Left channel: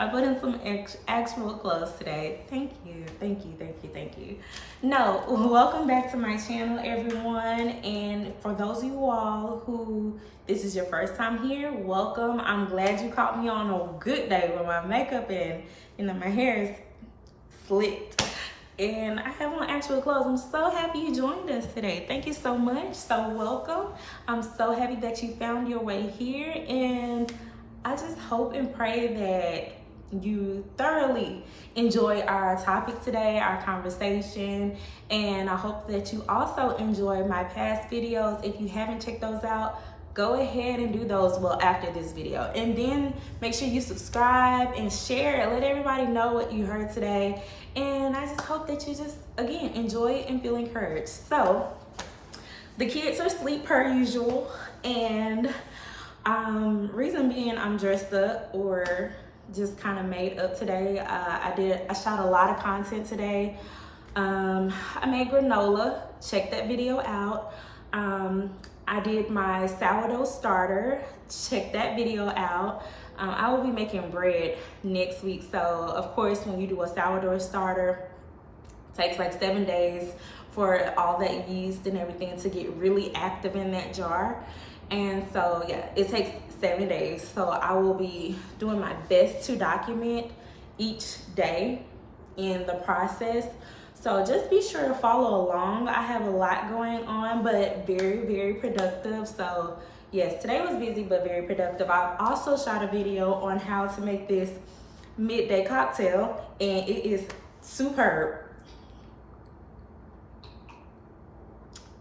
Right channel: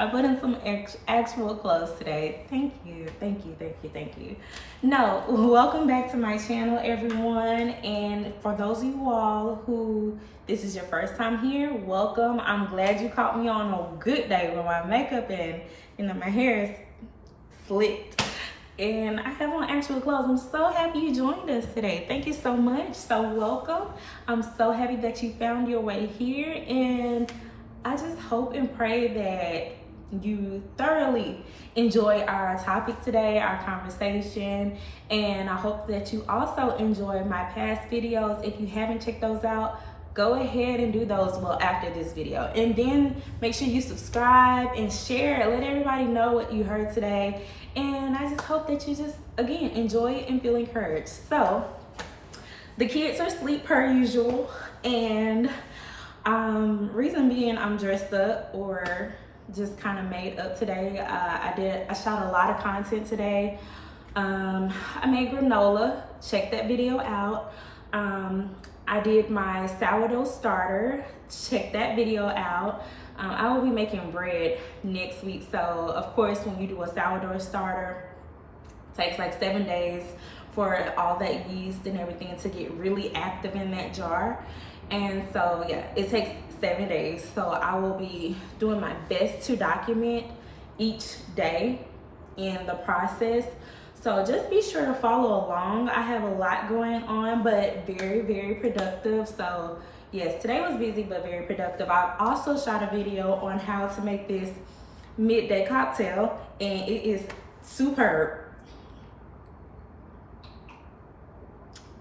I put in some actual clothes today. Thank you, thank you, thank you, thank you. No, welcome back to my channel, everyone. And for those of you all who this is your first time here, welcome. I'm glad you caught me on a good day with my makeup and my hair is slicked. And I have on actual clothes. I'm so happy you joined us today. Thank you so much. So welcome. I'm so happy that you found your way here. And I just hope and pray that you thoroughly enjoy our topic today, our conversation. And I hope that you also enjoy my past videos. If you haven't checked those out, go ahead and do those after this video. And then make sure you subscribe and share. Let everybody know what you heard today. And I just hope that you just, again, enjoy it and feel encouraged. So, the kids are asleep per usual. And reason being I'm dressed up or just kind of made up today. I shot a lot of content today. I made granola. Check that video out. I did my sourdough starter. Check that video out. I will be making bread next week. So of course, when you do a sourdough starter, it takes like 7 days for all that yeast and everything to get really active in that jar. And so yeah, it takes 7 days. So I will be doing my best to document each day in the process. So just be sure to follow along. I have a lot going on, but very, very productive. So yes, today was busy, but very productive. I also shot a video on how to make this midday cocktail, and it is superb.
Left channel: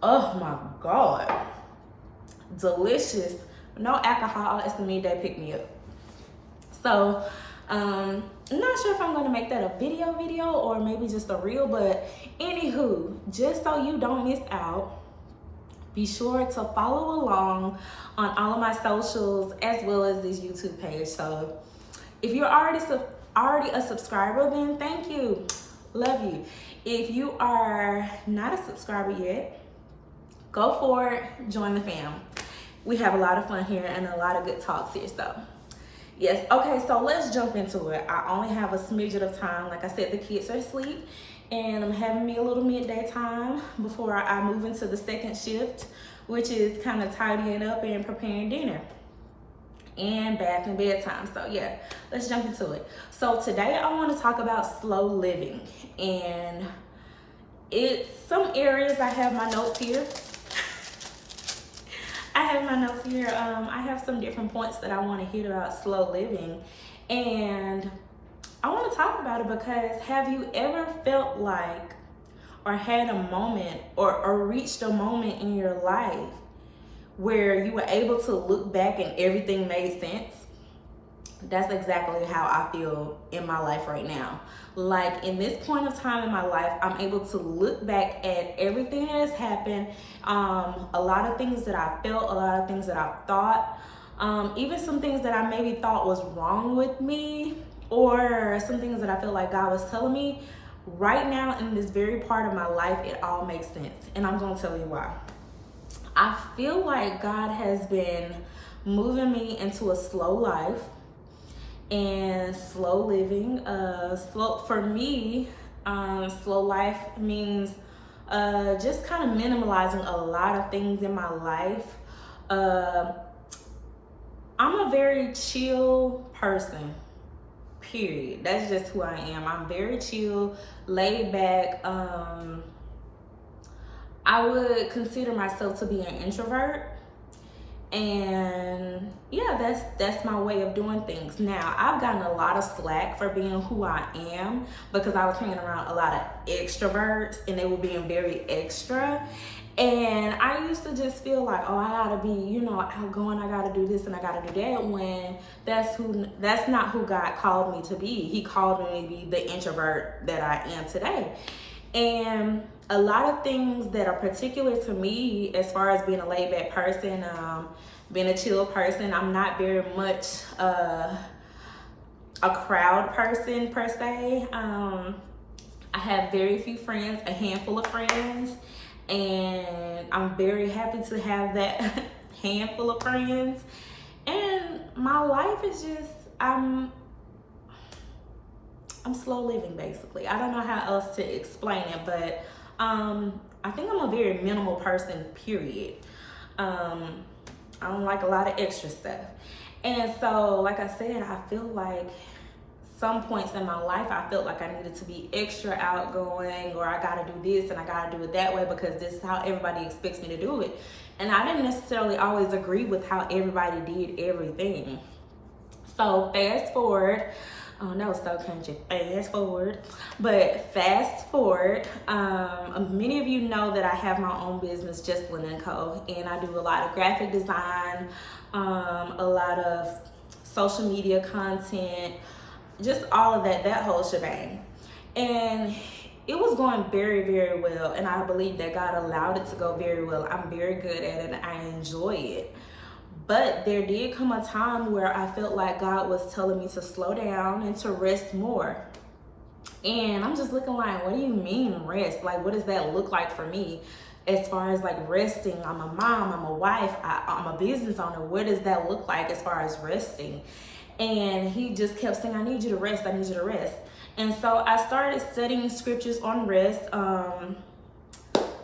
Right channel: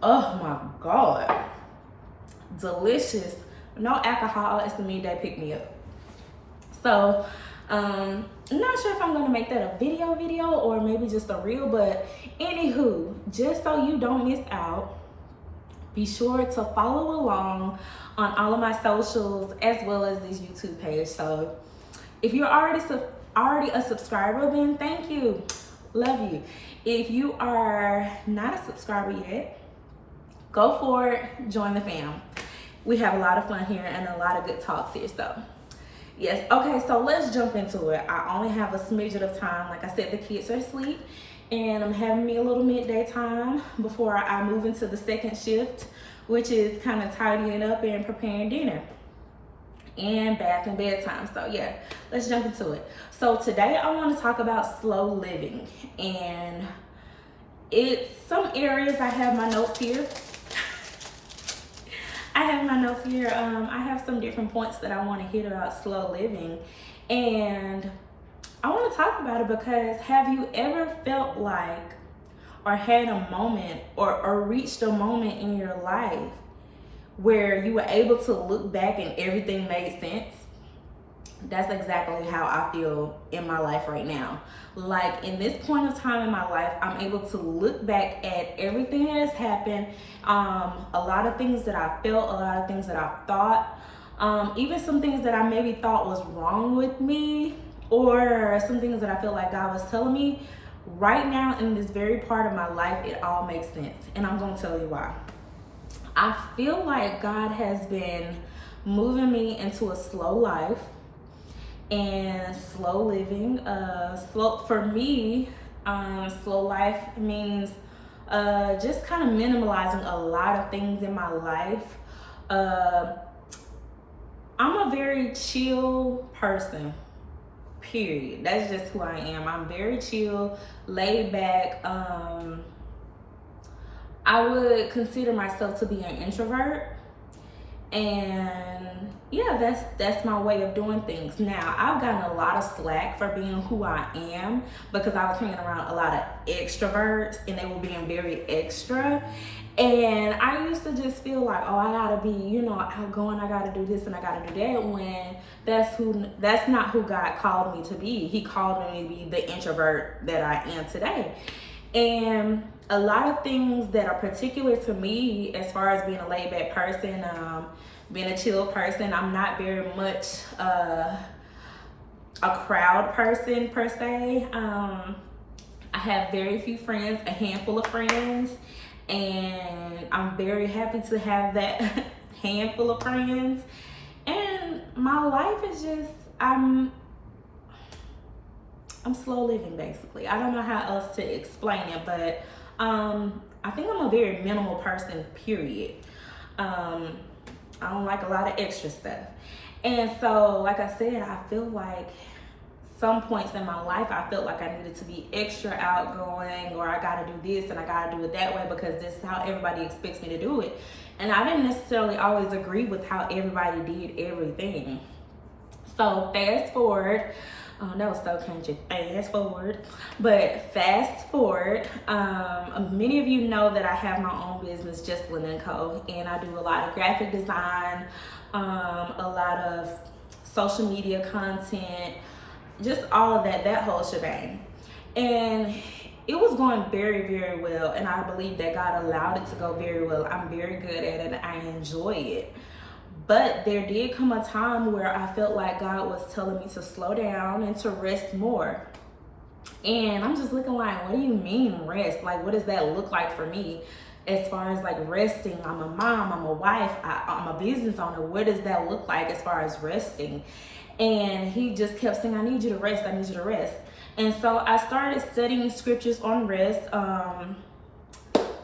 Oh my God. Delicious. No alcohol. It's the midday pick-me-up. So, I'm not sure if I'm gonna make that a video or maybe just a reel, but anywho, just so you don't miss out, be sure to follow along on all of my socials as well as this YouTube page. So if you're already a subscriber, then thank you. Love you. If you are not a subscriber yet, go for it. Join the fam. We have a lot of fun here and a lot of good talks here. So yes, okay, so let's jump into it. I only have a smidget of time. Like I said, the kids are asleep and I'm having me a little midday time before I move into the second shift, which is kind of tidying up and preparing dinner and bath and bedtime. So yeah, let's jump into it. So today I want to talk about slow living, and it's some areas. I have my notes here. I have some different points that I want to hit about slow living, and I want to talk about it because have you ever felt like or had a moment or reached a moment in your life where you were able to look back and everything made sense? That's exactly how I feel in my life right now. Like in this point of time in my life, I'm able to look back at everything that has happened, a lot of things that I felt, a lot of things that I thought, even some things that I maybe thought was wrong with me, or some things that I feel like God was telling me. Right now in this very part of my life, it all makes sense, and I'm gonna tell you why. I feel like God has been moving me into a slow life and slow living. For me, slow life means just kind of minimalizing a lot of things in my life. I'm a very chill person, period. That's just who I am. I'm very chill, laid back. I would consider myself to be an introvert. And yeah, that's my way of doing things. Now, I've gotten a lot of slack for being who I am because I was hanging around a lot of extroverts and they were being very extra. And I used to just feel like, oh, I gotta be, outgoing, I gotta do this and I gotta do that, when that's not who God called me to be. He called me to be the introvert that I am today. And a lot of things that are particular to me as far as being a laid back person, being a chill person, I'm not very much a crowd person per se. I have very few friends, a handful of friends, and I'm very happy to have that handful of friends. And my life is just, I'm slow living basically. I don't know how else to explain it, but I think I'm a very minimal person, period. I don't like a lot of extra stuff. And so, like I said, I feel like some points in my life, I felt like I needed to be extra outgoing, or I gotta do this and I gotta do it that way because this is how everybody expects me to do it. And I didn't necessarily always agree with how everybody did everything. So fast forward, oh that was so country, fast forward. But fast forward, many of you know that I have my own business, Jesslyn & Co. And I do a lot of graphic design, a lot of social media content, just all of that whole shebang. And it was going very, very well. And I believe that God allowed it to go very well. I'm very good at it and I enjoy it. But there did come a time where I felt like God was telling me to slow down and to rest more. And I'm just looking like, what do you mean rest? Like, what does that look like for me? As far as like resting, I'm a mom, I'm a wife, I'm a business owner. What does that look like as far as resting? And he just kept saying, I need you to rest, I need you to rest. And so I started studying scriptures on rest.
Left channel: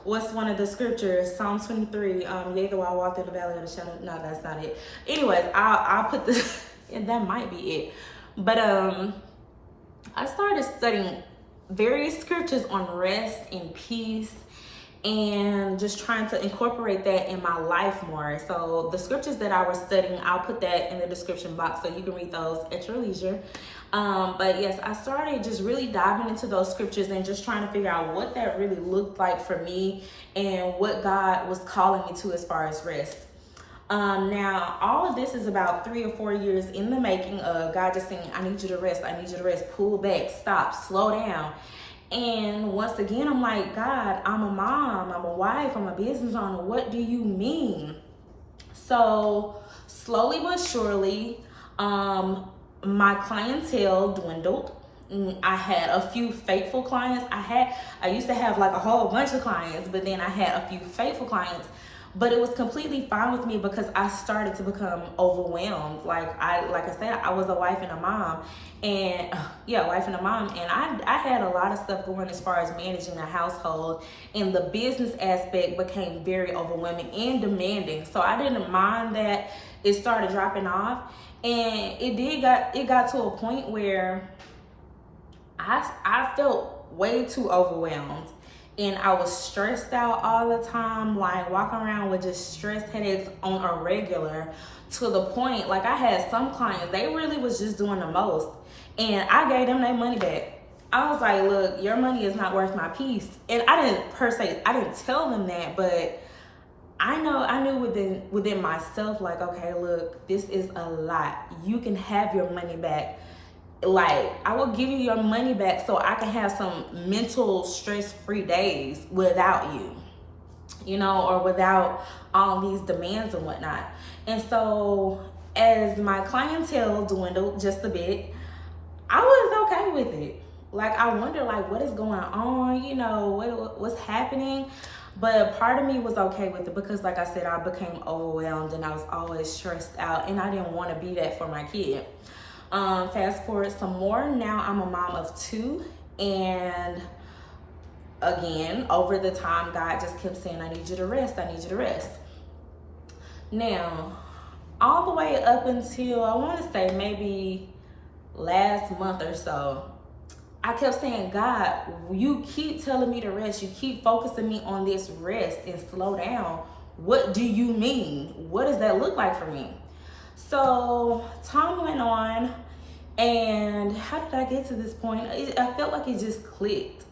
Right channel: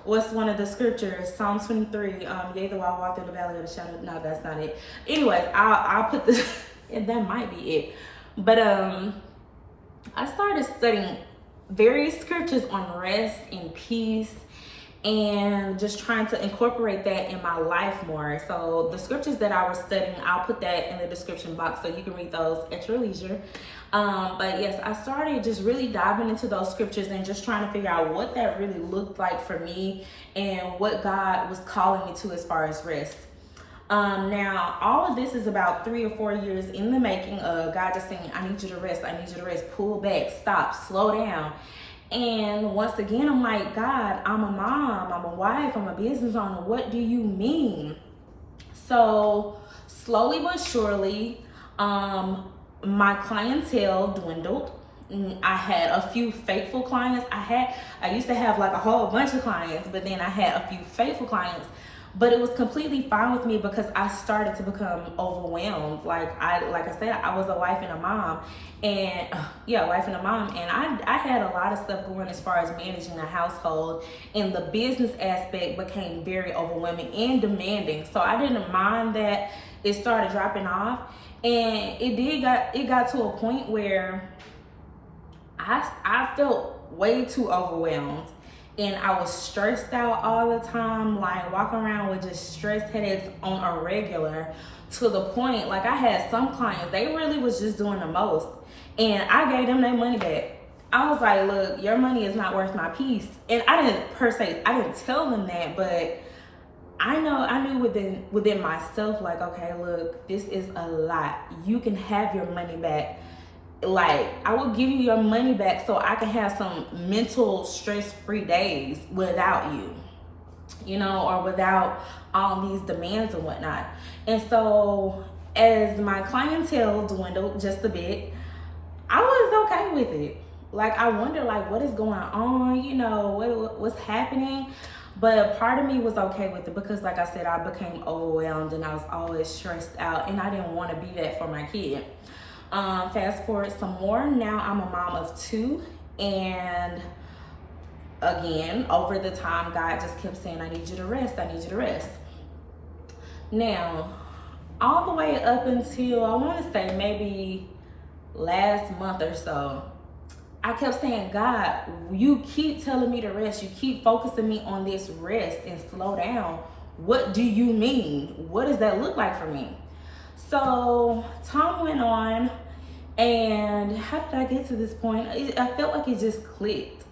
What's one of the scriptures? Psalm 23. Yea, though I walk in the valley of the shadow. No, that's not it. Anyways, I'll put this, and that might be it. But I started studying various scriptures on rest and peace, and just trying to incorporate that in my life more. So the scriptures that I was studying, I'll put that in the description box so you can read those at your leisure. But yes, I started just really diving into those scriptures and just trying to figure out what that really looked like for me and what God was calling me to as far as rest. Now, all of this is about 3 or 4 years in the making of God just saying, I need you to rest, I need you to rest, pull back, stop, slow down. And once again, I'm like, God, I'm a mom, I'm a wife, I'm a business owner. What do you mean? So slowly but surely, my clientele dwindled. I had a few faithful clients. I used to have like a whole bunch of clients, but then I had a few faithful clients. But it was completely fine with me because I started to become overwhelmed. Like I said, I was a wife and a mom. And wife and a mom. And I had a lot of stuff going as far as managing a household. And the business aspect became very overwhelming and demanding. So I didn't mind that it started dropping off. And it got to a point where I felt way too overwhelmed. And I was stressed out all the time, like walking around with just stress headaches on a regular, to the point, like I had some clients, they really was just doing the most. And I gave them their money back. I was like, look, your money is not worth my peace. And I didn't tell them that, but I knew within myself, like, okay, look, this is a lot. You can have your money back. Like, I will give you your money back so I can have some mental stress-free days without you, or without all these demands and whatnot. And so as my clientele dwindled just a bit, I was okay with it. Like, I wonder, like, what is going on, what's happening? But part of me was okay with it because, like I said, I became overwhelmed and I was always stressed out, and I didn't want to be that for my kid. Fast forward some more. Now I'm a mom of 2, and again, over the time, God just kept saying, I need you to rest, I need you to rest. Now, all the way up until, I want to say maybe last month or so, I kept saying, God, you keep telling me to rest. You keep focusing me on this rest and slow down. What do you mean? What does that look like for me? So time went on, and how did I get to this point? I felt like it just clicked.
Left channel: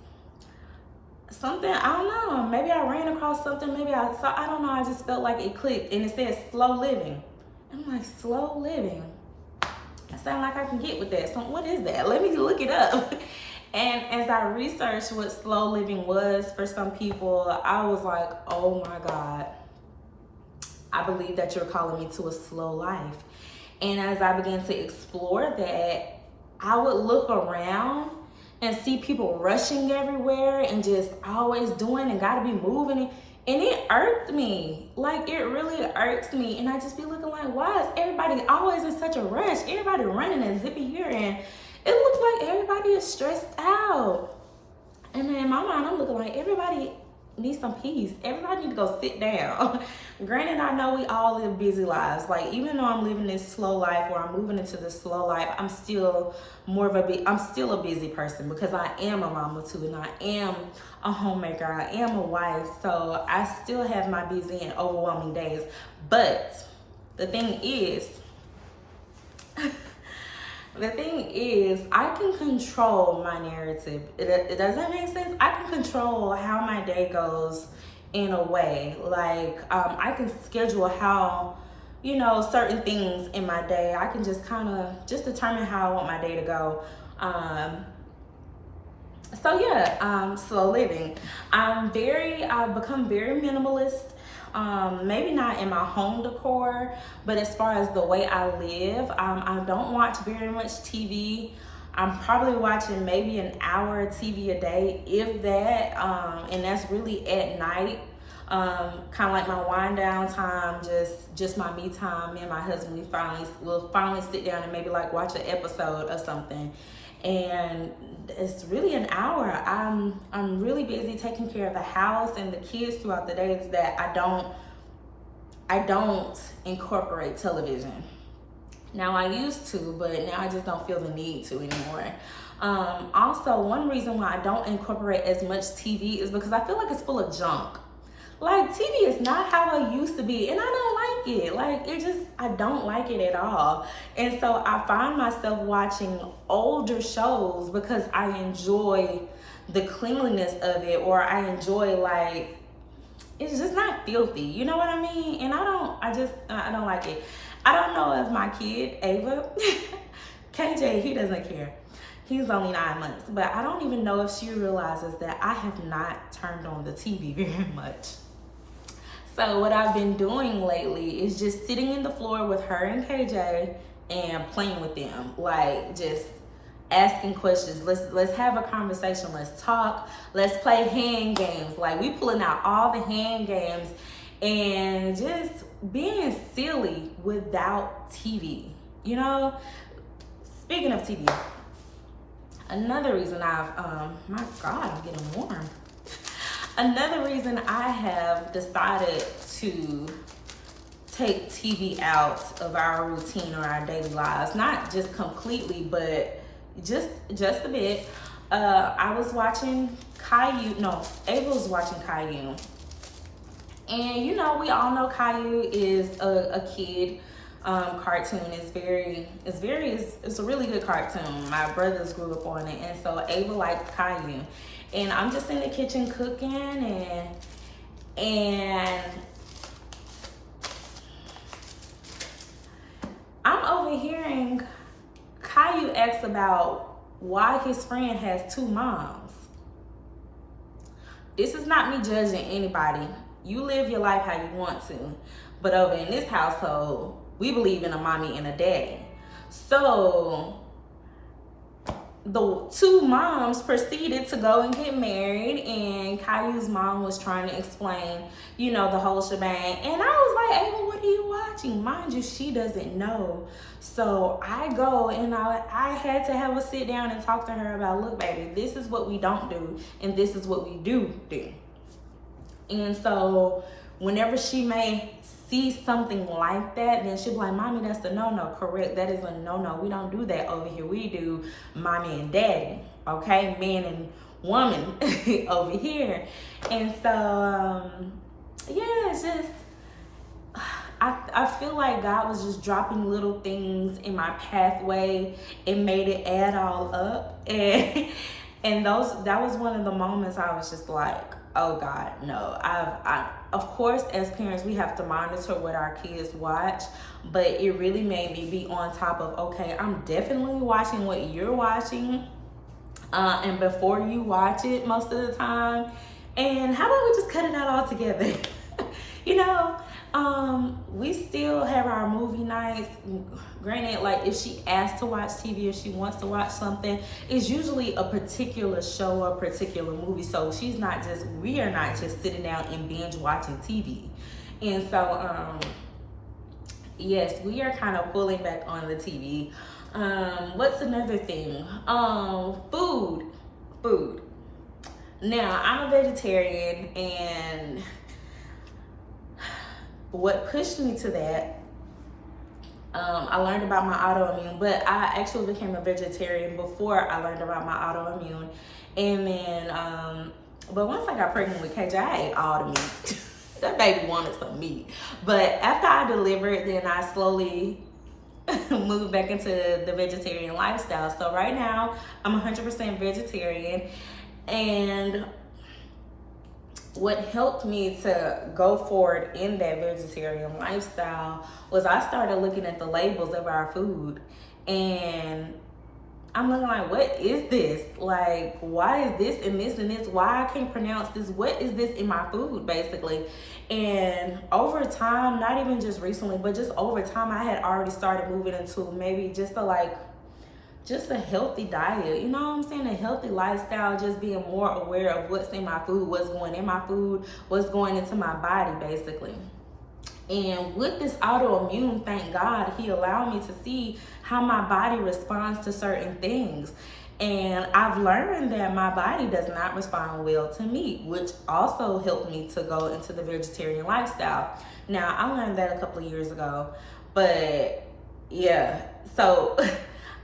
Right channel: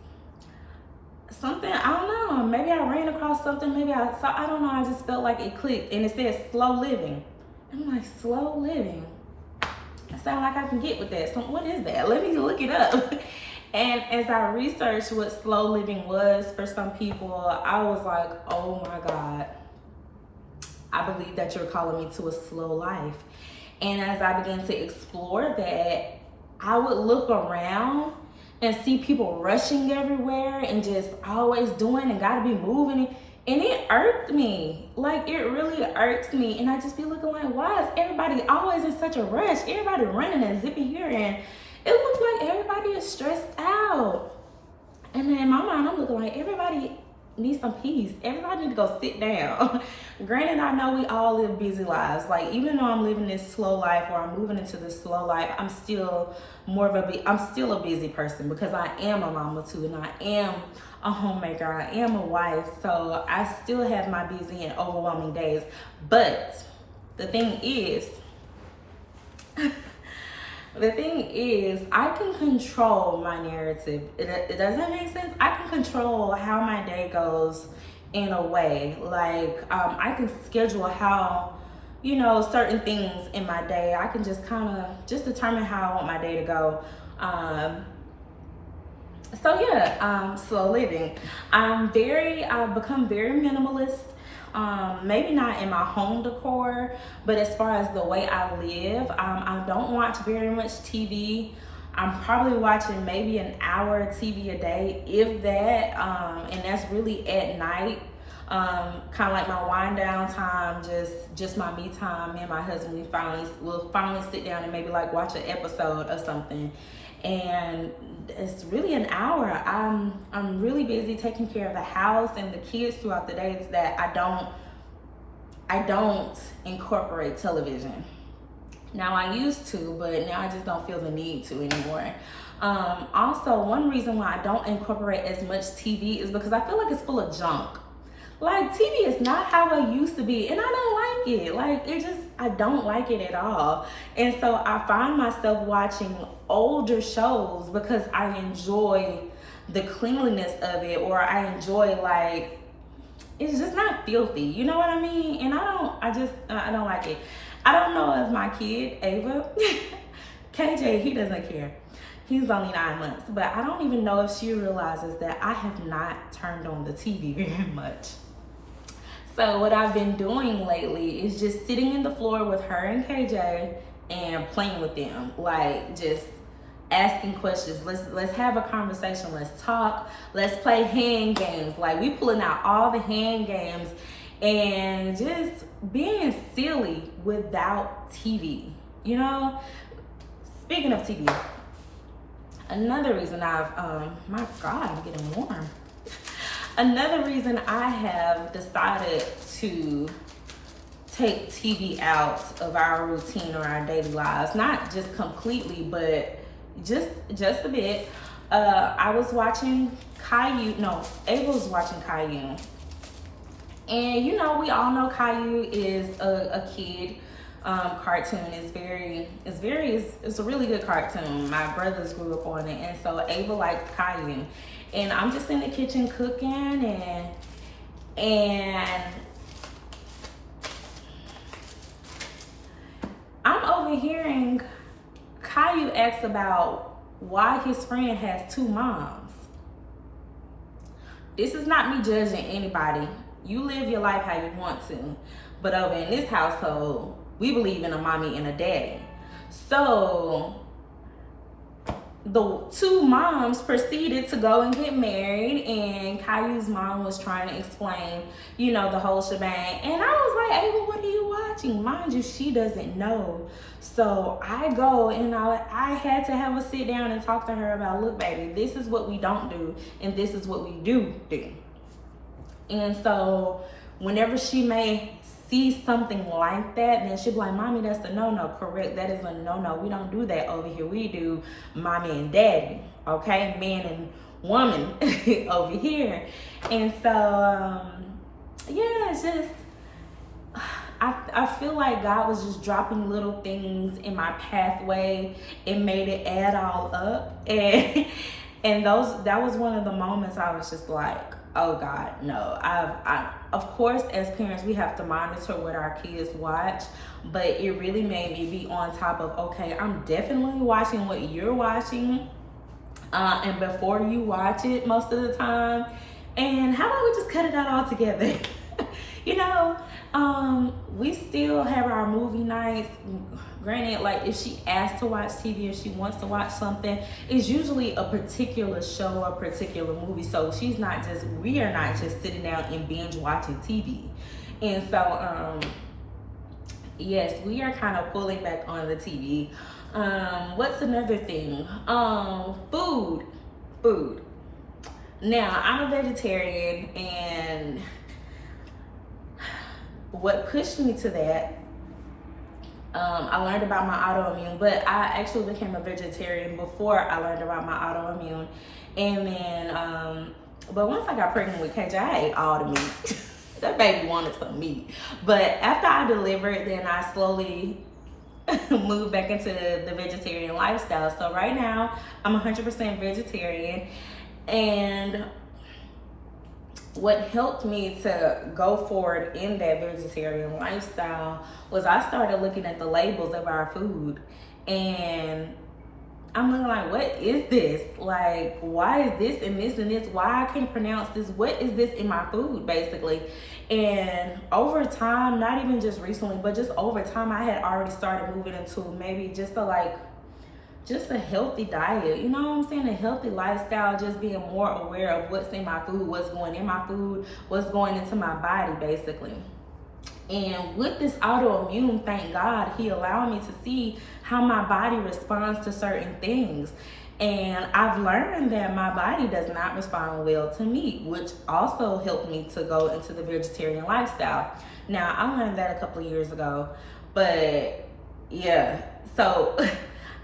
Something, I don't know, maybe I ran across something, maybe I saw, I don't know, I just felt like it clicked, and it said slow living. I'm like, slow living? I sound like I can get with that. So what is that? Let me look it up. And as I researched what slow living was for some people, I was like, oh my God, I believe that you're calling me to a slow life. And as I began to explore that, I would look around and see people rushing everywhere and just always doing and gotta be moving. And it irked me. Like, it really irks me. And I just be looking like, why is everybody always in such a rush? Everybody running and zipping here. it looks like everybody is stressed out. And then in my mind, I'm looking like everybody needs some peace. Everybody need to go sit down. Granted, I know we all live busy lives. Like, even though I'm living this slow life, or I'm moving into this slow life, I'm still I'm still a busy person, because I am a mama too, and I am a homemaker. I am a wife. So I still have my busy and overwhelming days. But the thing is, I can control my narrative. Does that make sense? I can control how my day goes in a way. Like, I can schedule how, certain things in my day. I can just kind of just determine how I want my day to go. Slow living. I've become very minimalist. Maybe not in my home decor, but as far as the way I live, I don't watch very much TV. I'm probably watching maybe an hour of TV a day, if that, and that's really at night. Kind of like my wind down time, just my me time. Me and my husband, we'll finally sit down and maybe like watch an episode or something. And it's really an hour. I'm really busy taking care of the house and the kids throughout the days that I don't incorporate television. Now, I used to, but now I just don't feel the need to anymore. Also, one reason why I don't incorporate as much TV is because I feel like it's full of junk. Like, TV is not how I used to be, and I don't like it. Like, I don't like it at all. And so I find myself watching older shows because I enjoy the cleanliness of it, or I enjoy, like, it's just not filthy. You know what I mean? And I don't like it. I don't know if my kid, Ava, KJ, he doesn't care. He's only 9 months, but I don't even know if she realizes that I have not turned on the TV very much. So what I've been doing lately is just sitting in the floor with her and KJ and playing with them, like just asking questions. Let's have a conversation. Let's talk. Let's play hand games. Like, we pulling out all the hand games and just being silly without TV. Speaking of TV, another reason my God, I'm getting warm. Another reason I have decided to take TV out of our routine or our daily lives, not just completely, but just a bit. I was watching Caillou. No, Ava was watching Caillou. And we all know Caillou is a kid cartoon. It's a really good cartoon. My brothers grew up on it, and so Ava liked Caillou. And I'm just in the kitchen cooking, and I'm overhearing Caillou ask about why his friend has 2 moms. This is not me judging anybody. You live your life how you want to. But over in this household, we believe in a mommy and a daddy. So the 2 moms proceeded to go and get married, and Caillou's mom was trying to explain, the whole shebang. And I was like, Ava, what are you watching? Mind you, she doesn't know. So I go and I had to have a sit down and talk to her about, look, baby, this is what we don't do, and this is what we do. And so whenever she may see something like that, then she'll be like, Mommy, that's a no-no. Correct, that is a no-no. We don't do that over here. We do mommy and daddy, okay? Man and woman over here. And so, it's just, I feel like God was just dropping little things in my pathway and made it add all up. And that was one of the moments I was just like, oh God, no. Of course, as parents, we have to monitor what our kids watch, but it really made me be on top of, okay, I'm definitely watching what you're watching, and before you watch it most of the time. And how about we just cut it out altogether? We still have our movie nights. Granted, like, if she asks to watch TV, if she wants to watch something, it's usually a particular show or a particular movie. So we are not just sitting down and binge watching TV. And so, yes, we are kind of pulling back on the TV. What's another thing? Food. Now, I'm a vegetarian, and what pushed me to that, I learned about my autoimmune, but I actually became a vegetarian before I learned about my autoimmune. And then, but once I got pregnant with KJ, I ate all the meat. That baby wanted some meat. But after I delivered, then I slowly moved back into the vegetarian lifestyle. So right now, I'm 100% vegetarian. And what helped me to go forward in that vegetarian lifestyle was I started looking at the labels of our food, and I'm looking like, what is this? Like, why is this and this and this? Why I can't pronounce this? What is this in my food, basically? And over time, not even just recently, but just over time, I had already started moving into maybe just a healthy diet, you know what I'm saying? A healthy lifestyle, just being more aware of what's in my food, what's going in my food, what's going into my body, basically. And with this autoimmune, thank God, he allowed me to see how my body responds to certain things. And I've learned that my body does not respond well to meat, which also helped me to go into the vegetarian lifestyle. Now, I learned that a couple of years ago, but yeah, so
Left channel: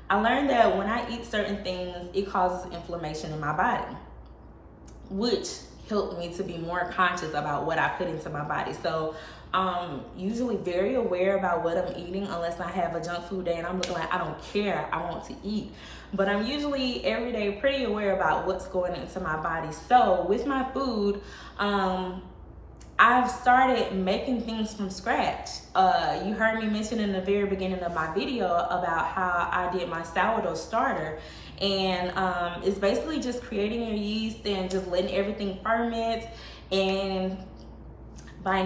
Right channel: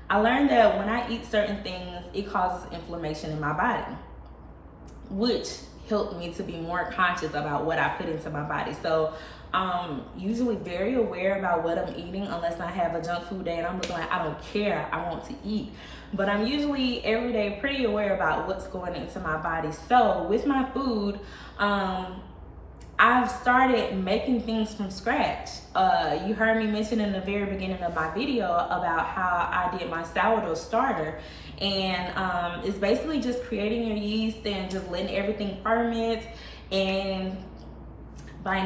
I learned that when I eat certain things, it causes inflammation in my body, which helped me to be more conscious about what I put into my body. So I'm usually very aware about what I'm eating, unless I have a junk food day and I'm looking like, I don't care, I want to eat. But I'm usually every day pretty aware about what's going into my body. So with my food, I've started making things from scratch. You heard me mention in the very beginning of my video about how I did my sourdough starter. And it's basically just creating your yeast and just letting everything ferment. And by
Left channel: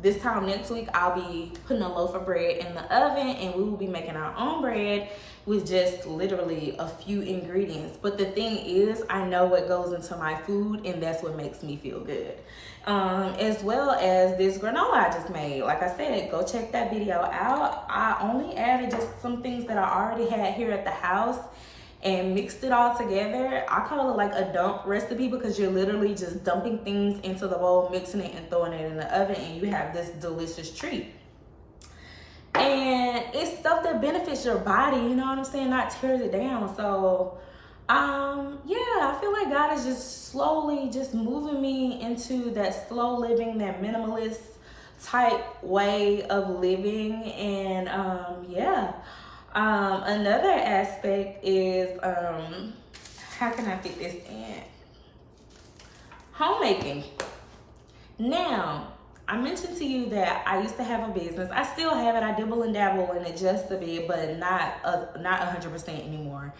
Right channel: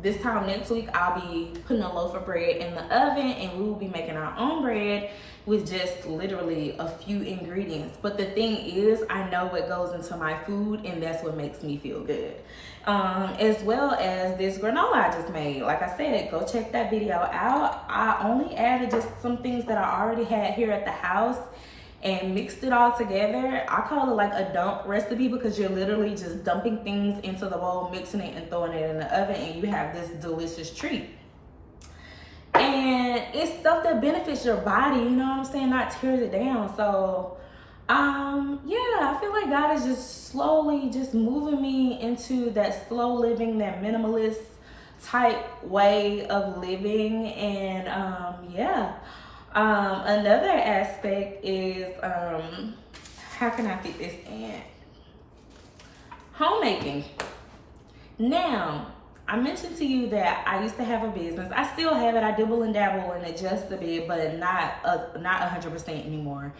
this time next week, I'll be putting a loaf of bread in the oven, and we will be making our own bread with just literally a few ingredients. But the thing is, I know what goes into my food, and that's what makes me feel good. As well as this granola I just made. Like I said, go check that video out. I only added just some things that I already had here at the house and mixed it all together. I call it like a dump recipe, because you're literally just dumping things into the bowl, mixing it and throwing it in the oven, and you have this delicious treat. And it's stuff that benefits your body, you know what I'm saying, not tears it down. So yeah, I feel like God is just slowly just moving me into that slow living, that minimalist type way of living. And yeah. Another aspect is, how can I fit this in? Homemaking. Now, I mentioned to you that I used to have a business. I still have it. I dibble and dabble in it just a bit, but not 100% anymore.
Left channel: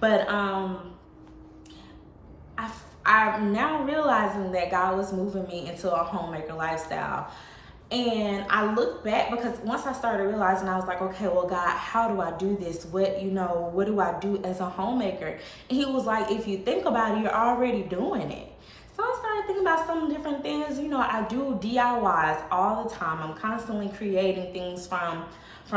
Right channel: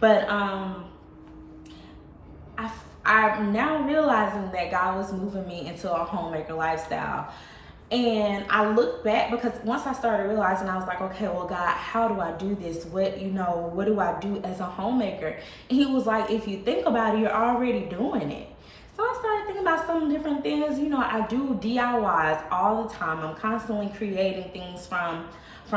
But I'm now realizing that God was moving me into a homemaker lifestyle. And I look back, because once I started realizing, I was like, okay, well, God, how do I do this? What do I do as a homemaker? And he was like, if you think about it, you're already doing it. So I started thinking about some different things. You know, I do DIYs all the time. I'm constantly creating things from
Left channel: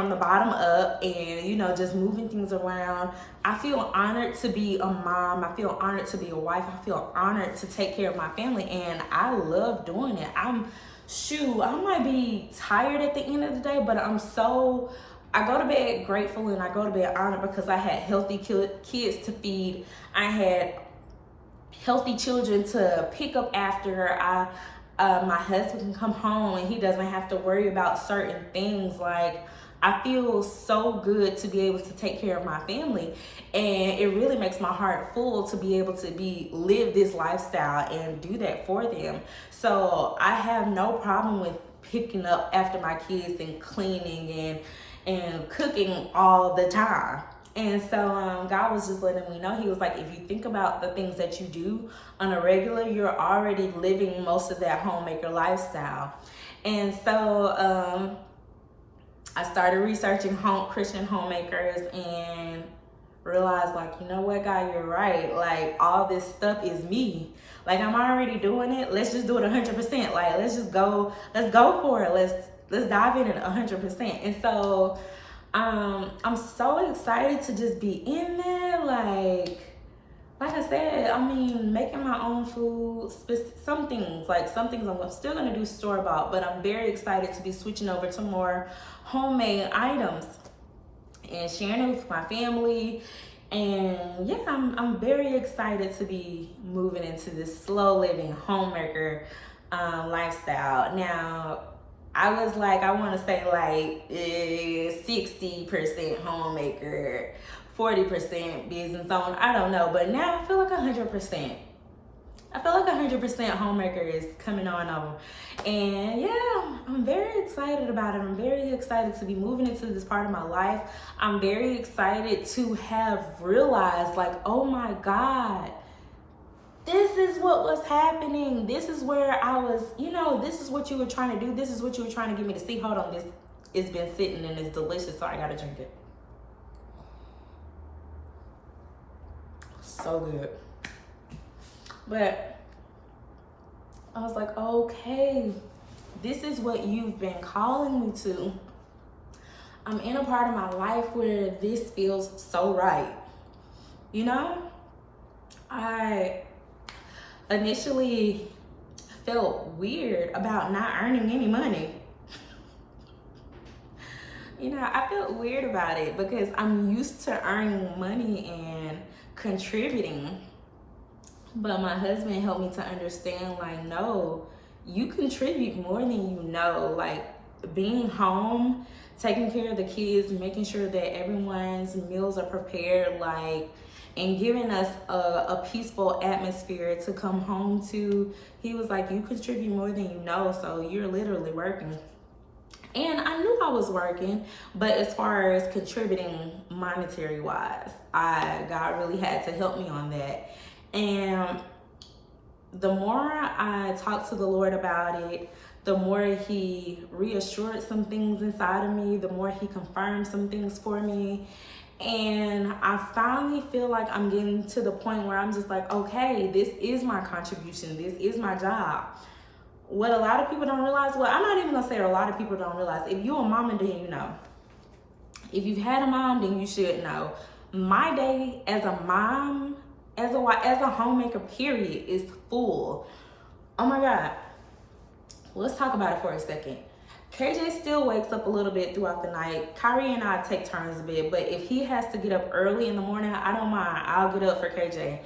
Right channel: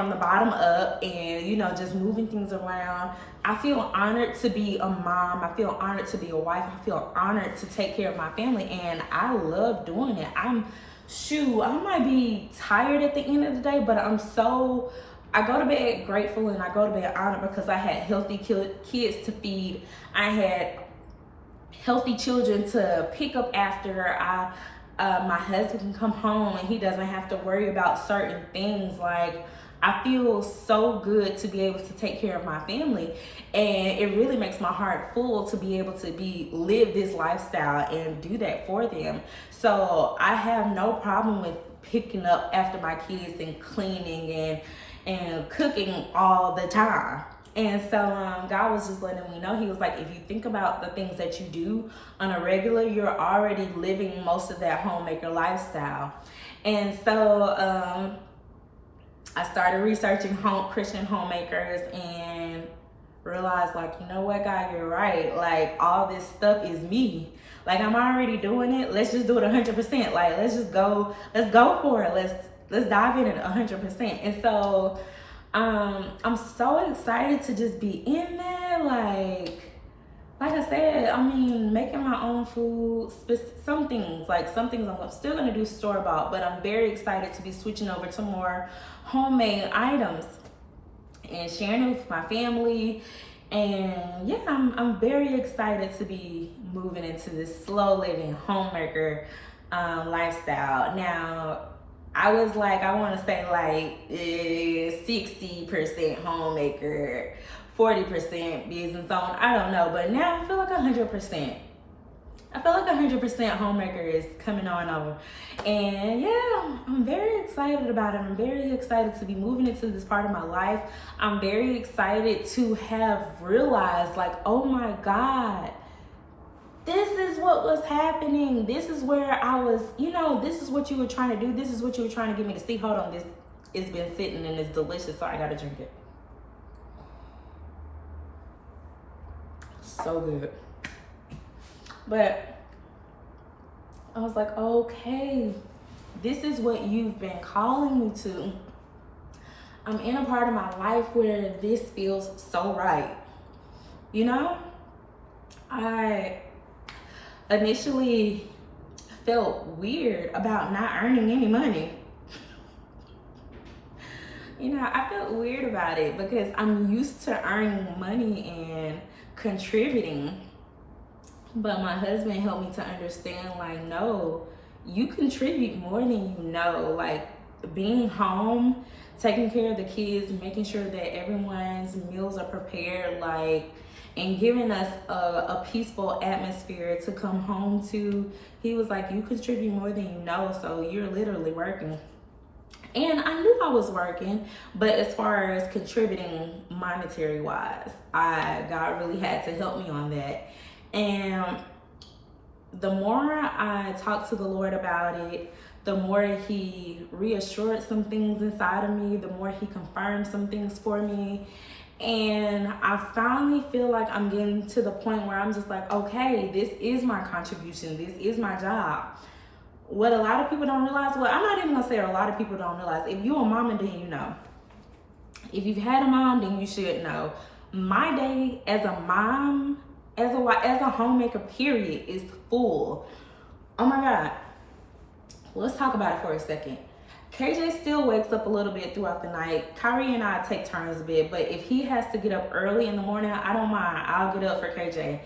the bottom up, and, you know, just moving things around. I feel honored to be a mom. I feel honored to be a wife. I feel honored to take care of my family, and I love doing it. I might be tired at the end of the day, but I go to bed grateful, and I go to bed honored, because I had healthy kids to feed. I had healthy children to pick up after. My husband can come home and he doesn't have to worry about certain things. Like, I feel so good to be able to take care of my family, and it really makes my heart full to be able to live this lifestyle and do that for them. So I have no problem with picking up after my kids and cleaning and cooking all the time. And so God was just letting me know, he was like, if you think about the things that you do on a regular, you're already living most of that homemaker lifestyle. And so I started researching Christian homemakers and realized, like, you know what, God, you're right. Like, all this stuff is me. Like, I'm already doing it. Let's just do it 100%. Like, let's go for it. Let's dive in at 100%. And so I'm so excited to just be in there. Like I said, I mean, making my own food, some things I'm still gonna do store-bought, but I'm very excited to be switching over to more homemade items and sharing it with my family. And yeah, I'm very excited to be moving into this slow living homemaker lifestyle. Now, I was like, I want to say like 60% homemaker, 40% business owner. I don't know, but now I feel like 100%. I feel like 100% homemaker is coming on over. And yeah, I'm very excited about it. I'm very excited to be moving into this part of my life. I'm very excited to have realized, like, oh my God, this is what was happening. This is where I was, this is what you were trying to do. This is what you were trying to get me to see. Hold on, this it's been sitting and it's delicious, so I gotta drink it. So good. But I was like, okay, this is what you've been calling me to. I'm in a part of my life where this feels so right. I initially felt weird about not earning any money. I felt weird about it because I'm used to earning money and contributing. But my husband helped me to understand, like, no, you contribute more than you know. Like, being home, taking care of the kids, making sure that everyone's meals are prepared, and giving us a peaceful atmosphere to come home to. He was like, you contribute more than you know, so you're literally working. And I knew I was working, but as far as contributing monetary wise, God really had to help me on that. And the more I talked to the Lord about it, the more he reassured some things inside of me, the more he confirmed some things for me. And I finally feel like I'm getting to the point where I'm just like, okay, this is my contribution. This is my job. What a lot of people don't realize, well, I'm not even gonna say a lot of people don't realize, if you're a mama, then you know. If you've had a mom, then you should know. My day as a mom, as a homemaker, period, is full. Oh my God. Let's talk about it for a second. KJ still wakes up a little bit throughout the night. Kyrie and I take turns a bit, but if he has to get up early in the morning, I don't mind. I'll get up for KJ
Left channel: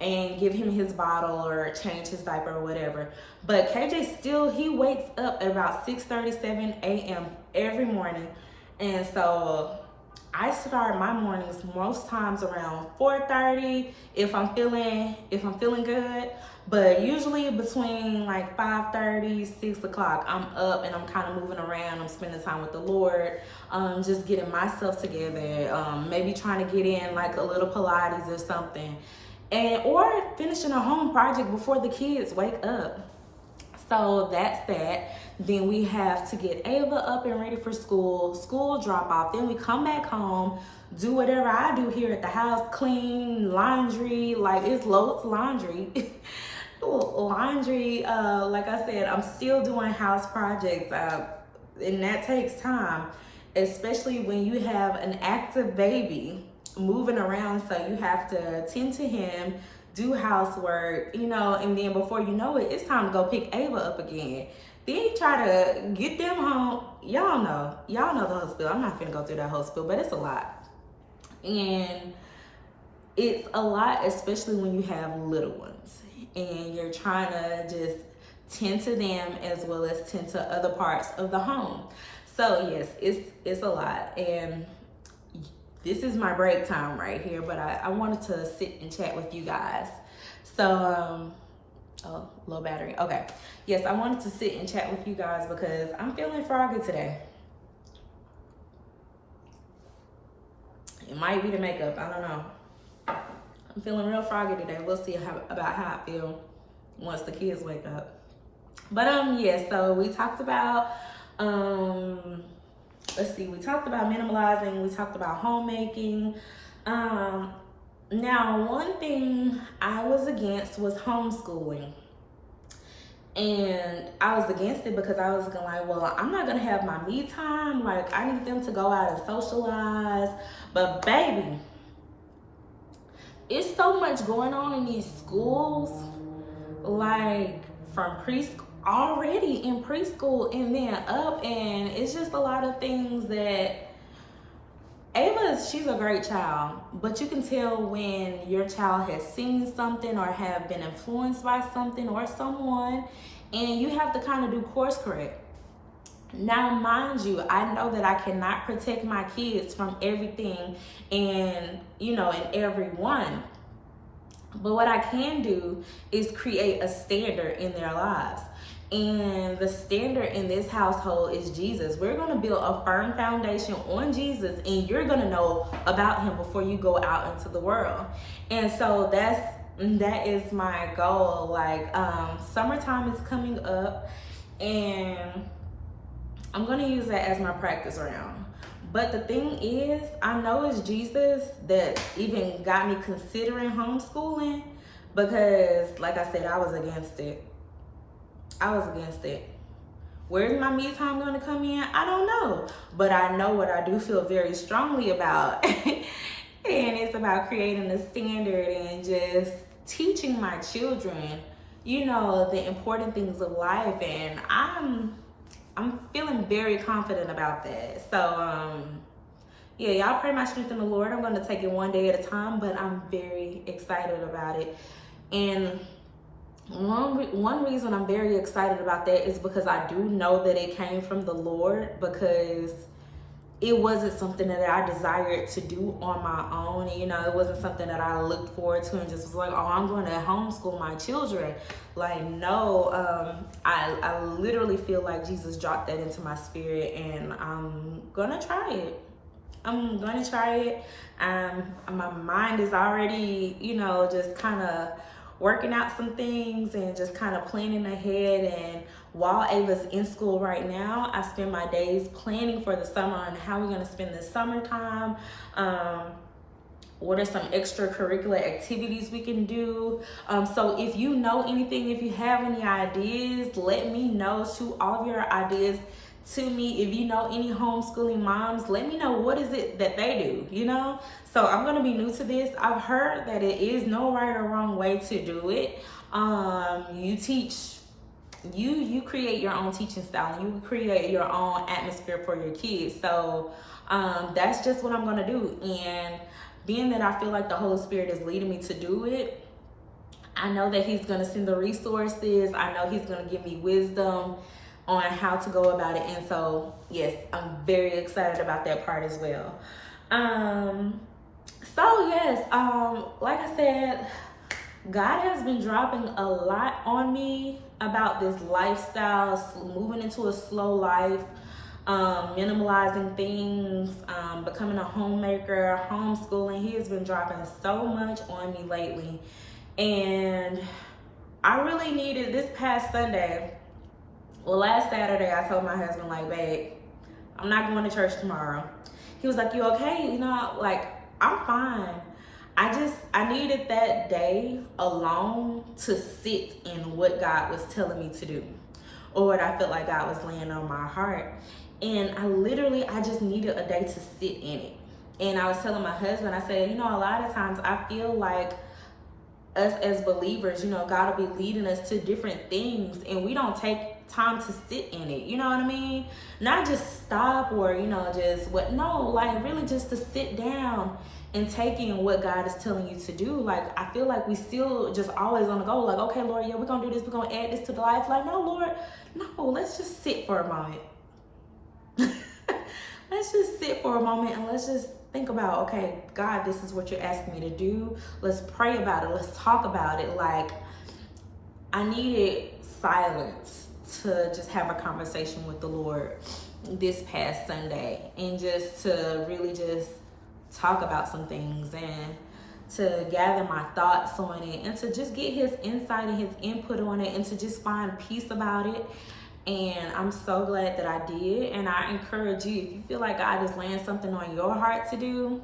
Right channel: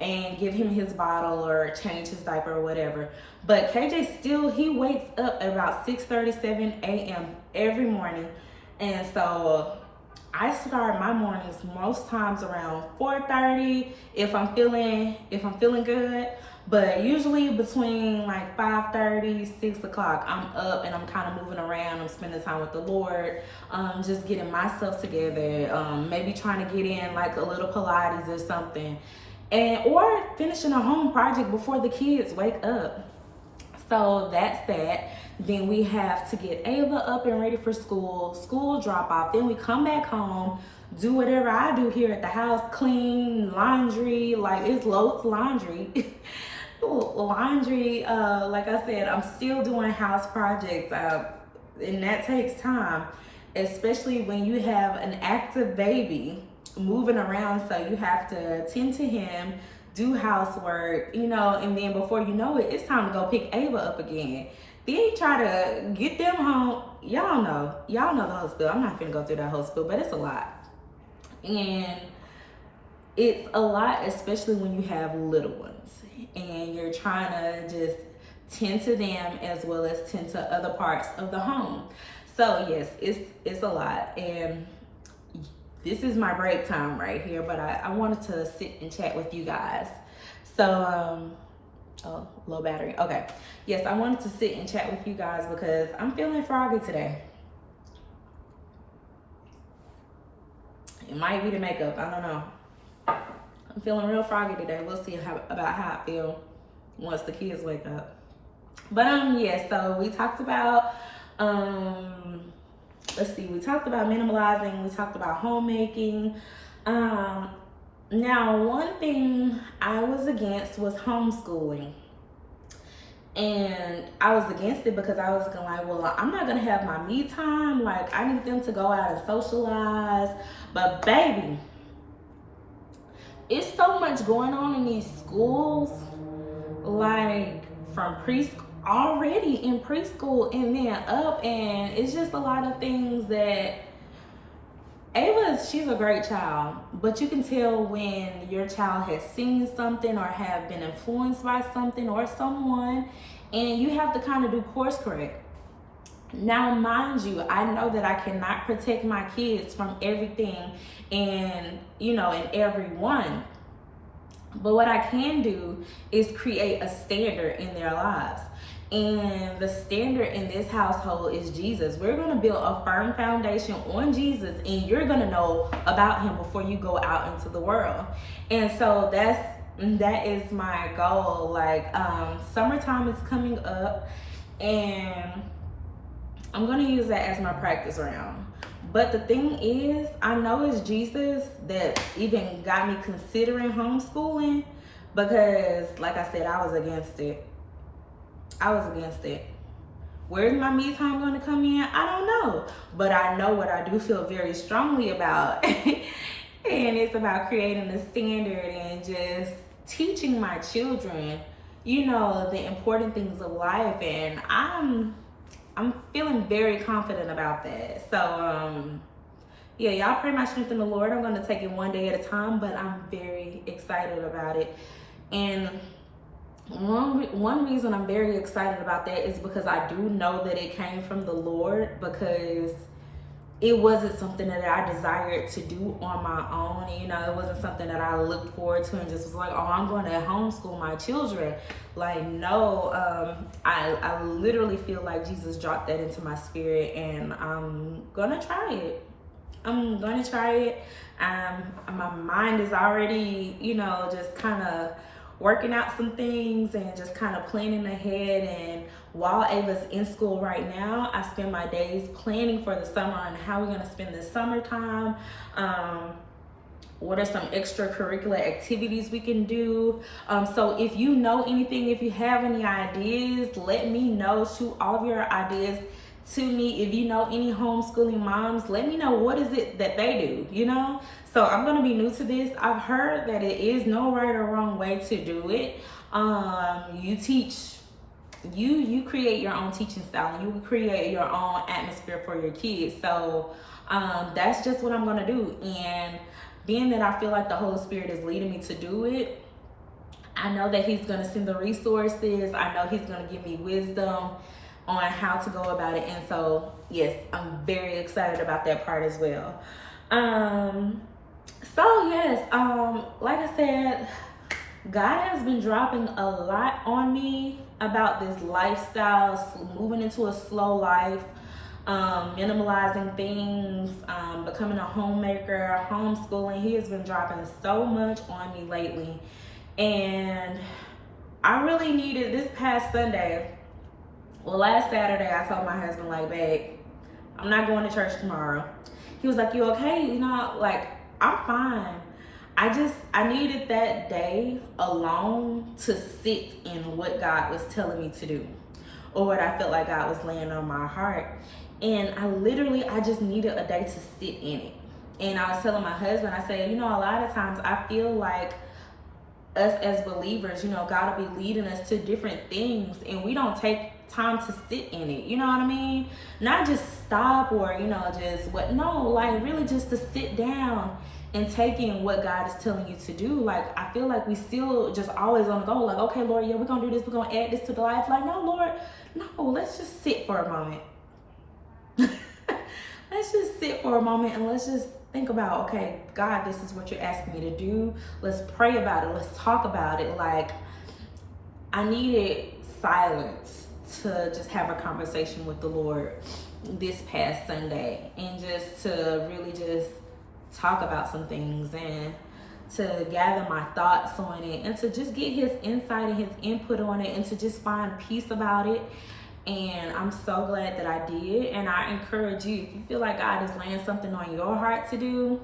and give him his bottle or change his diaper or whatever. But KJ still, he wakes up at about 6:37 a.m. every morning. And so I start my mornings most times around 4:30 if I'm feeling good. But usually between like 5:30, 6 o'clock, I'm up and I'm kind of moving around. I'm spending time with the Lord, just getting myself together, maybe trying to get in like a little Pilates or something, or finishing a home project before the kids wake up. So that's that. Then we have to get Ava up and ready for school drop off. Then we come back home, do whatever I do here at the house, clean, laundry, like it's loads of laundry. Like I said, I'm still doing house projects, and that takes time, especially when you have an active baby moving around. So you have to tend to him, do housework, and then before you know it, it's time to go pick Ava up again. Then you try to get them home. Y'all know the whole spiel. I'm not gonna go through that whole spiel, but it's a lot. And it's a lot, especially when you have little ones and you're trying to just tend to them as well as tend to other parts of the home. So yes, it's a lot. And this is my break time right here, but I wanted to sit and chat with you guys. So, oh, low battery. Okay. Yes, I wanted to sit and chat with you guys because I'm feeling froggy today. It might be the makeup. I don't know. I'm feeling real froggy today. We'll see about how I feel once the kids wake up. But yeah, so we talked about we talked about minimalizing, we talked about homemaking. Now one thing I was against was homeschooling. And I was against it because I was going like, well, I'm not gonna have my me time. Like, I need them to go out and socialize. But baby, it's so much going on in these schools, like from preschool, already in preschool and then up, and it's just a lot of things that she's a great child, but you can tell when your child has seen something or have been influenced by something or someone, and you have to kind of do course correct. Now, mind you, I know that I cannot protect my kids from everything and, and everyone. But what I can do is create a standard in their lives. And the standard in this household is Jesus. We're going to build a firm foundation on Jesus, and you're going to know about him before you go out into the world. And so that is my goal. Like, summertime is coming up, and I'm going to use that as my practice round. But the thing is, I know it's Jesus that even got me considering homeschooling, because like I said, I was against it. Where's my me time going to come in? I don't know. But I know what I do feel very strongly about. And it's about creating a standard and just teaching my children, the important things of life. And I'm feeling very confident about that. So, yeah, y'all pray my strength in the Lord. I'm going to take it one day at a time, but I'm very excited about it. And one reason I'm very excited about that is because I do know that it came from the Lord, because it wasn't something that I desired to do on my own. It wasn't something that I looked forward to and just was like, oh, I'm going to homeschool my children. Like, no, I literally feel like Jesus dropped that into my spirit, and I'm going to try it. My mind is already, just kind of working out some things and just kind of planning ahead. And while Ava's in school right now, I spend my days planning for the summer and how we're going to spend the summertime. What are some extracurricular activities we can do? So if you know anything, if you have any ideas, let me know. Shoot all of your ideas to me. If you know any homeschooling moms, let me know what is it that they do, So I'm going to be new to this. I've heard that it is no right or wrong way to do it. You teach, you create your own teaching style, and you create your own atmosphere for your kids. So that's just what I'm going to do. And being that I feel like the Holy Spirit is leading me to do it, I know that he's going to send the resources. I know he's going to give me wisdom on how to go about it. And so, yes, I'm very excited about that part as well. So yes, like I said, God has been dropping a lot on me about this lifestyle, moving into a slow life, minimalizing things, becoming a homemaker, homeschooling. He has been dropping so much on me lately. And I really needed this past Sunday. Well, last Saturday, I told my husband, like, babe, I'm not going to church tomorrow. He was like, you okay? Like, I'm fine. I needed that day alone to sit in what God was telling me to do, or what I felt like God was laying on my heart. And I just needed a day to sit in it. And I was telling my husband, I said, a lot of times I feel like us as believers, God will be leading us to different things, and we don't take time to sit in it. You know what I mean? Not just stop or, like really just to sit down and take in what God is telling you to do. Like, I feel like we still just always on the go, like, okay, Lord, yeah, we're going to do this. We're going to add this to the life. Like, no, Lord, no, let's just sit for a moment. Let's just sit for a moment and let's just think about, okay, God, this is what you're asking me to do. Let's pray about it. Let's talk about it. Like, I needed silence to just have a conversation with the Lord this past Sunday, and just to really just talk about some things and to gather my thoughts on it, and to just get his insight and his input on it, and to just find peace about it. And I'm so glad that I did. And I encourage you, if you feel like God is laying something on your heart to do,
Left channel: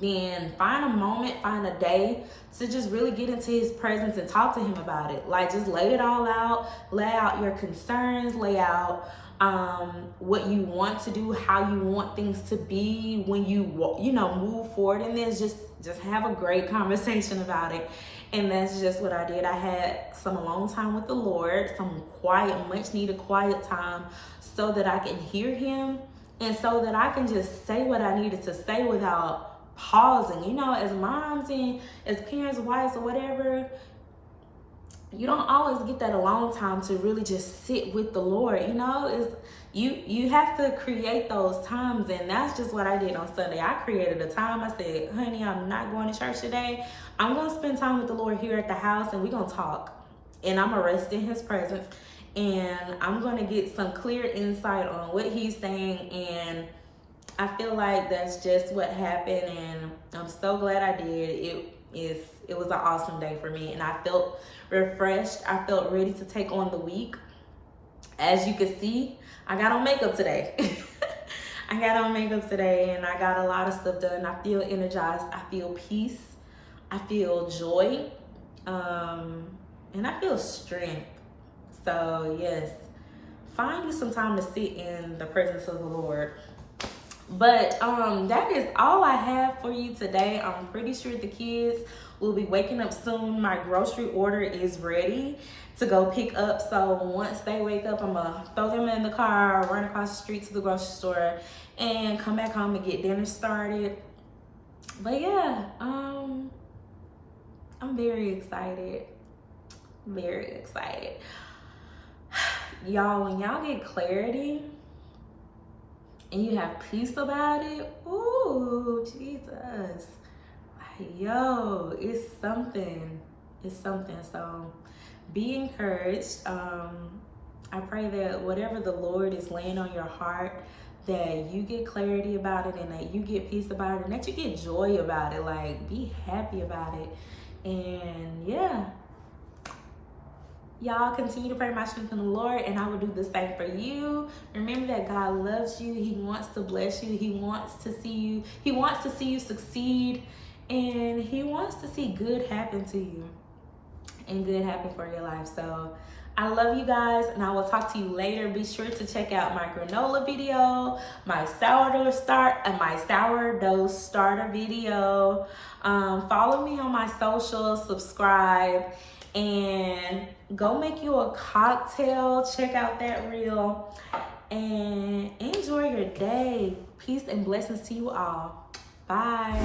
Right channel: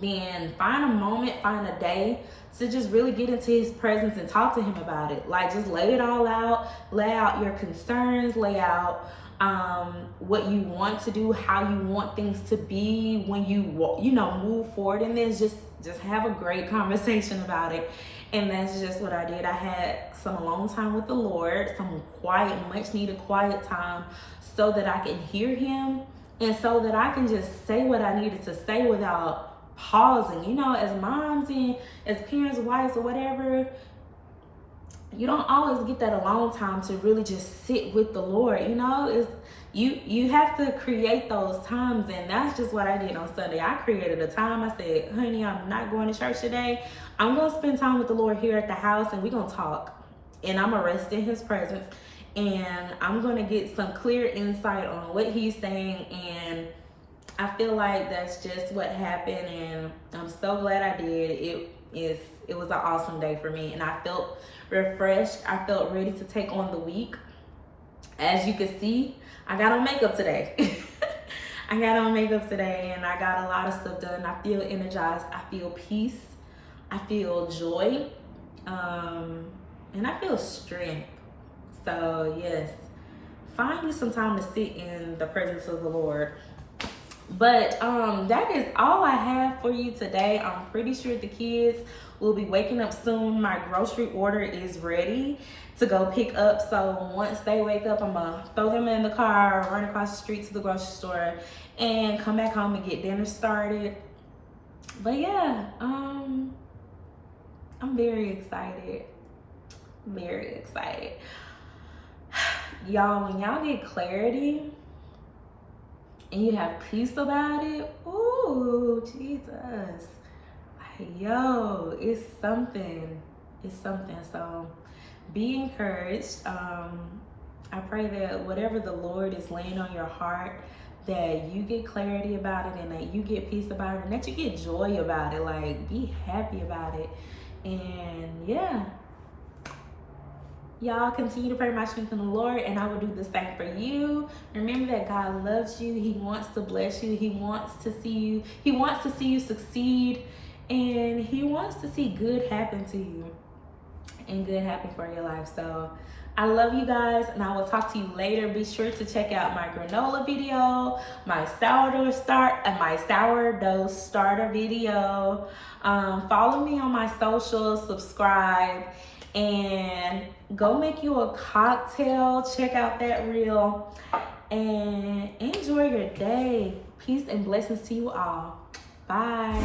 then find a moment, find a day to just really get into his presence and talk to him about it. Like, just lay it all out, lay out your concerns, lay out what you want to do, how you want things to be when you move forward in this. Just have a great conversation about it. And that's just what I did. I had some alone time with the Lord, some quiet, much needed quiet time, so that I can hear him and so that I can just say what I needed to say without pausing. You know, as moms and as parents, wives, or whatever, you don't always get that alone time to really just sit with the Lord. You know, it's you have to create those times, and that's just what I did on Sunday. I created a time. I said, honey, I'm not going to church today. I'm going to spend time with the Lord here at the house, and we're going to talk, and I'm going to rest in his presence, and I'm going to get some clear insight on what he's saying. And I feel like that's just what happened, and I'm so glad I did. It was an awesome day for me, and I felt refreshed. I felt ready to take on the week. As you can see, I got on makeup today. I got on makeup today, and I got a lot of stuff done. I feel energized. I feel peace. I feel joy. And I feel strength. So yes, find you some time to sit in the presence of the Lord. But that is all I have for you today. I'm pretty sure the kids will be waking up soon. My grocery order is ready to go pick up. So once they wake up, I'm gonna throw them in the car, run across the street to the grocery store, and come back home and get dinner started. But yeah, I'm very excited. Very excited. Y'all, when y'all get clarity and you have peace about it, ooh, Jesus. Like, yo, it's something. It's something. So be encouraged. I pray that whatever the Lord is laying on your heart, that you get clarity about it, and that you get peace about it, and that you get joy about it. Like, be happy about it. And yeah, y'all continue to pray my strength in the Lord, and I will do the same for you. Remember that God loves you. He wants to bless you. He wants to see you. He wants to see you succeed, and he wants to see good happen to you and good happen for your life. So I love you guys, and I will talk to you later. Be sure to check out my granola video, my sourdough starter video. Follow me on my socials, subscribe, and go make you a cocktail. Check out that reel, and enjoy your day. Peace and blessings to you all. Bye.